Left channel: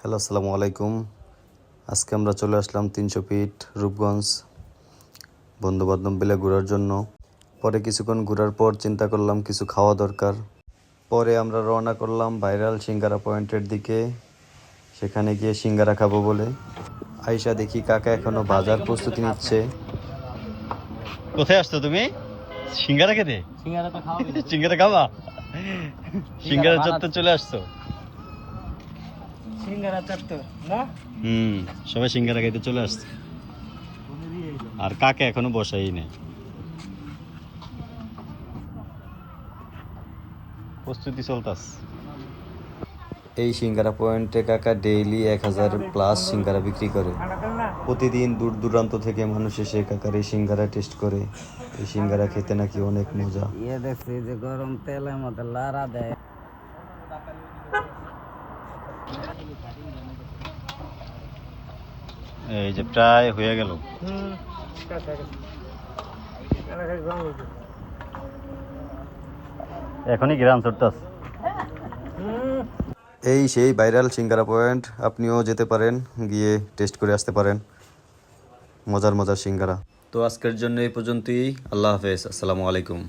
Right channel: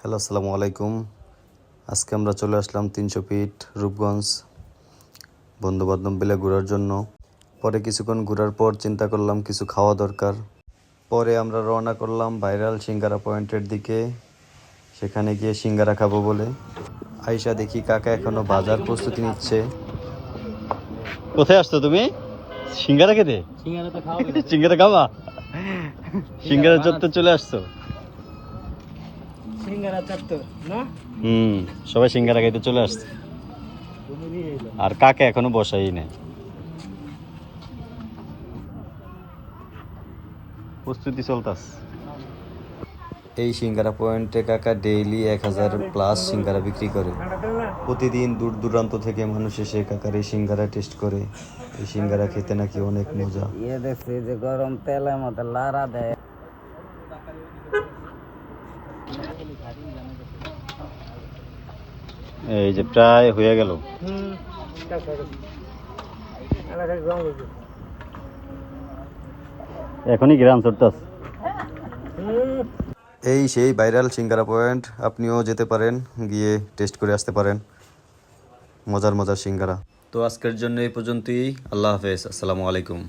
Hello, আসসালামু আলাইকুম। আজকে আমরা চলে আসলাম 300 ফিট রূপগঞ্জ বন্ধুবান্ধব মিলে ঘোরার জন্য। পরে কিছুক্ষণ ঘোরার পর চিন্তা করলাম কিছু খাওয়া দরকার। পরে আমরা রওনা করলাম ভাইরাল সিঙ্গারা পয়েন্টের দিকে। সেখানে গিয়ে সিঙ্গারা খাবো বলে। আয়শা দেখি কাকা এখনো বাজার প্রস্তুতি নিচ্ছে। কোথায় আসছো তুমি? সিঙ্গারা খেতে? সিঙ্গারা তো খাওয়া সিঙ্গারা খাওয়া? সিঙ্গারা চত্বর চলে আসছো? সিঙ্গারা চত্বর না? সবাই সিঙ্গারা খাইতে চলে আসছে। আর কাকে এখনো বসাই নাই, প্রস্তুতি চলতেছে। এই সিঙ্গারা পয়েন্টে কাকা ডেইলি 1000+ সিঙ্গারা বিক্রি করে। প্রতিদিন দূর দূরান্ত থেকে মানুষ এসে কাকার এই সিঙ্গারা টেস্ট করে। এই সিঙ্গারা খেতে নাকি অনেক মজা। দেখছি যে গরম তেলের মধ্যে লাড়া দেয়। এই যে প্রায় হয়ে গেল। এখনই গ্রাম চড়তেছে। এই সেই ভাইরাল সিঙ্গারা পয়েন্ট, আপনিও যেতে পারেন, গিয়ে টেস্ট করে আসতে পারেন মজার মজার সিঙ্গারা। তো আজকের জন্য এই পর্যন্তই। আল্লাহ হাফেজ, আসসালামু আলাইকুম।